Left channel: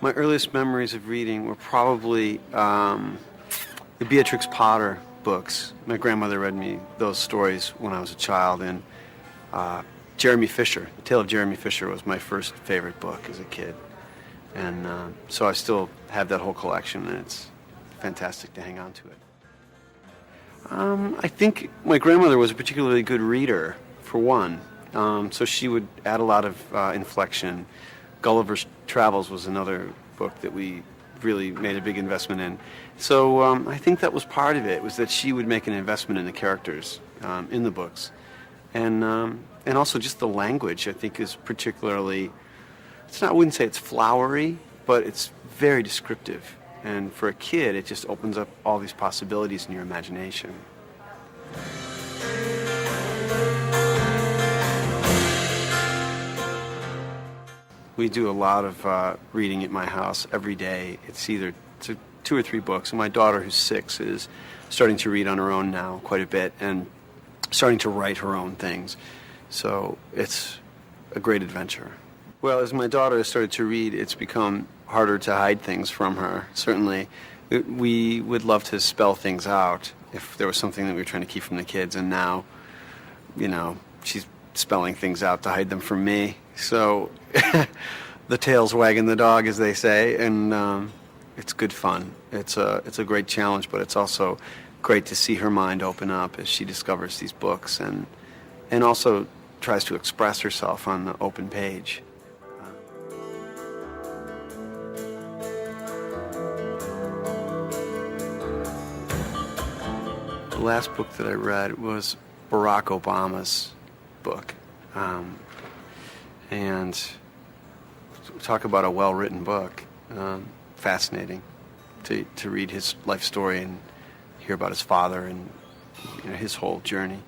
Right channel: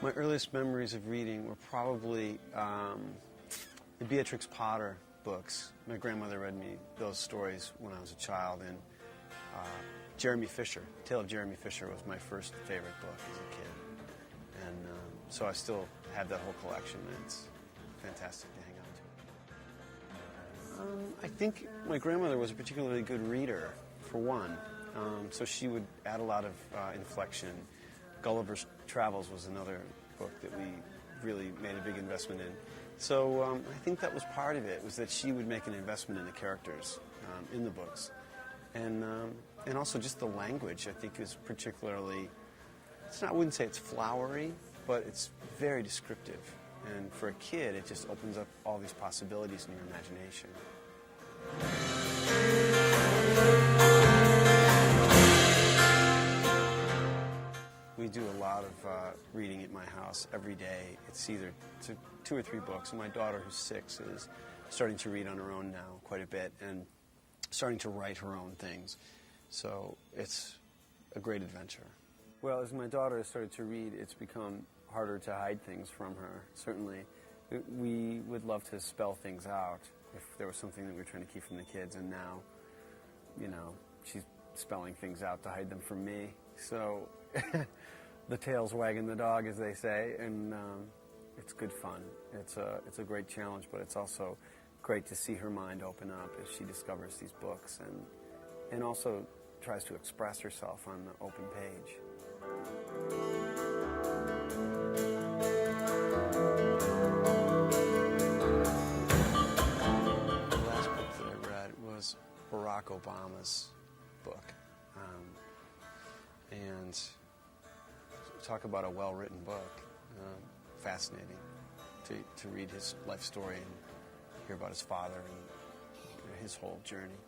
My earliest memories of reading were probably the Beatrix Potter books. My grandmother read me those stories when I was a child, and Jeremy Fisher, The Tale of Jeremy Fisher was my first favorite book as a kid. And so I still have that whole collection, and it's fantastic to hang on to it. I think my grandmother was a particularly good reader, for one. So she would add a lot of inflection. Gulliver's Travels was another book that we really made a big investment in. So I think that was part of it, was that she would make an investment in the characters in the books. And also just the language, I think, is particularly, I wouldn't say it's flowery, but it's very descriptive. And for a kid, it just opens up all these possibilities in your imagination. We do a lot of reading at my house every day. It's either 2 or 3 books. And my daughter, who's 6, is starting to read on her own now quite a bit and starting to write her own things. So it's a great adventure. Well, as my daughter has started to read, it's become harder to hide things from her, certainly. We would love to spell things out if there was something that we were trying to keep from the kids, and now, she's spelling things out to hide them from me. So the tail's wagging the dog, as they say, and it's good fun. It's a great challenge, but it's also great to see her mind open up as she discovers these books and also tries to express herself on the open page. The last book that I read was Barack Obama's book. And talk about a well-written book. Fascinating to read his life story and hear about his father and his whole journey.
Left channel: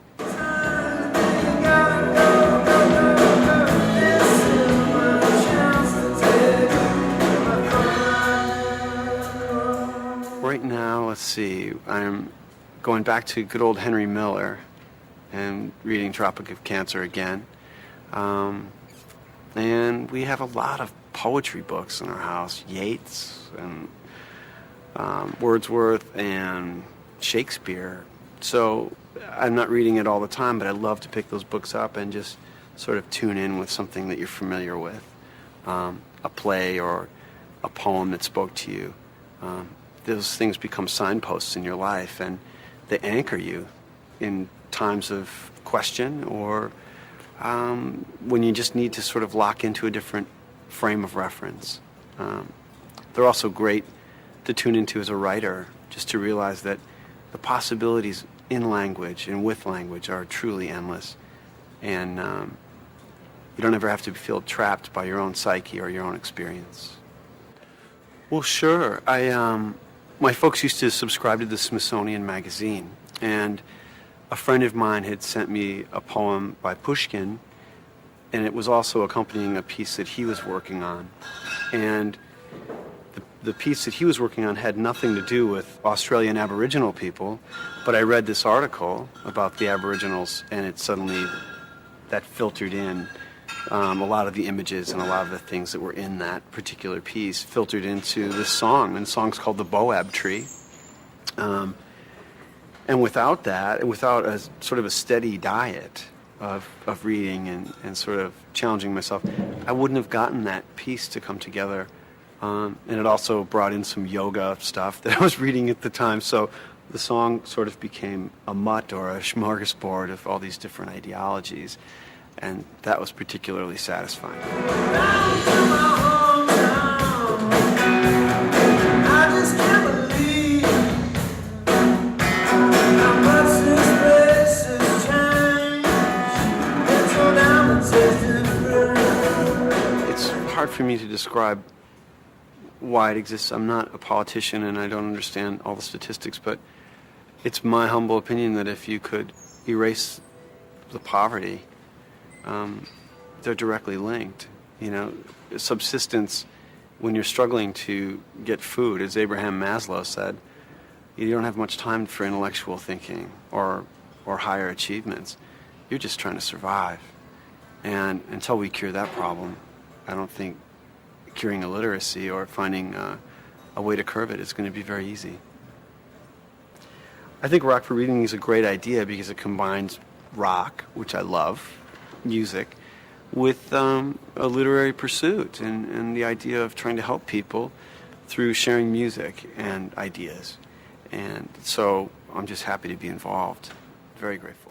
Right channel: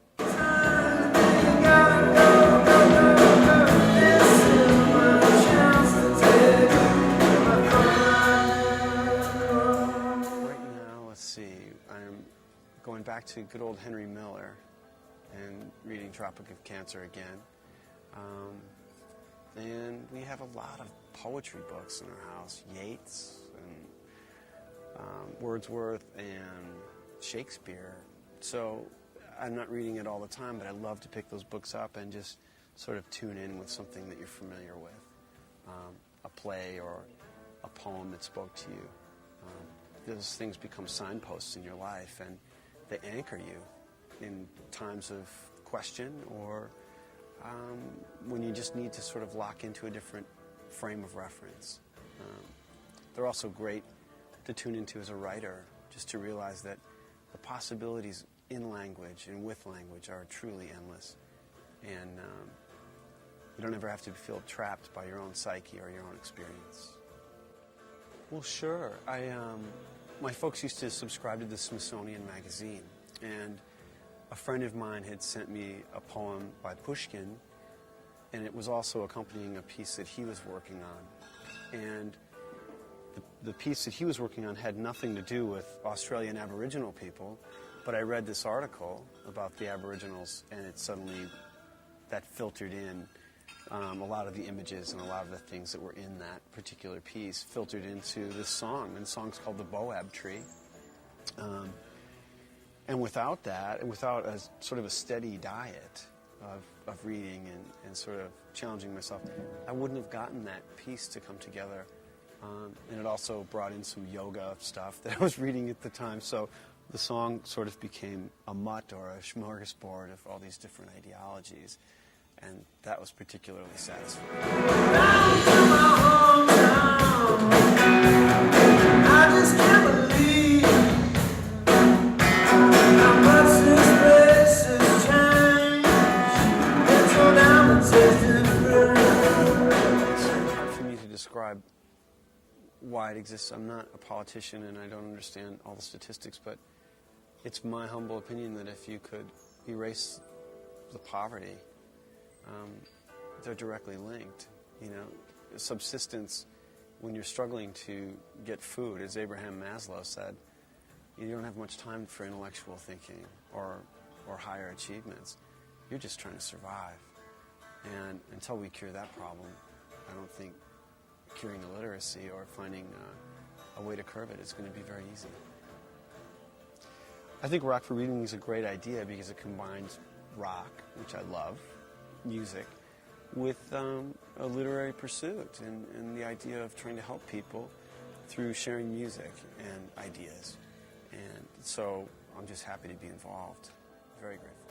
Right now, let's see, I'm going back to good old Henry Miller and reading Tropic of Cancer again. And we have a lot of poetry books in our house, Yeats and Wordsworth and Shakespeare. So I'm not reading it all the time, but I love to pick those books up and just sort of tune in with something that you're familiar with, a play or a poem that spoke to you. Those things become signposts in your life, and they anchor you in times of question or when you just need to sort of lock into a different frame of reference. They're also great to tune into as a writer, just to realize that the possibilities in language and with language are truly endless. And you don't ever have to feel trapped by your own psyche or your own experience. Well, sure. My folks used to subscribe to the Smithsonian Magazine, and a friend of mine had sent me a poem by Pushkin, and it was also accompanying a piece that he was working on. And the piece that he was working on had nothing to do with Australian Aboriginal people, but I read this article about the Aboriginals, and it suddenly, that filtered in a lot of the images and a lot of the things that were in that particular piece filtered into this song, and the song's called The Boab Tree. And without that, without a sort of a steady diet of reading and sort of challenging myself, I wouldn't have gotten that piece to come together. And it also brought in some yoga stuff that I was reading at the time. So the song sort of became a mutt or a smorgasbord of all these different ideologies. And that was particularly satisfying. Back to my hometown. I just can't believe how much this place has changed. It's so down the tasting. It's hard for me to describe why it exists. I'm not a politician and I don't understand all the statistics, but it's my humble opinion that if you could erase the poverty, they're directly linked. Subsistence, when you're struggling to get food, as Abraham Maslow said, you don't have much time for intellectual thinking or higher achievements. You're just trying to survive. And until we cure that problem, I don't think curing illiteracy or finding a way to curb it is going to be very easy. I think Rock for Reading is a great idea because it combines rock, which I love, music, with a literary pursuit and the idea of trying to help people through sharing music and ideas. And so I'm just happy to be involved. Very grateful.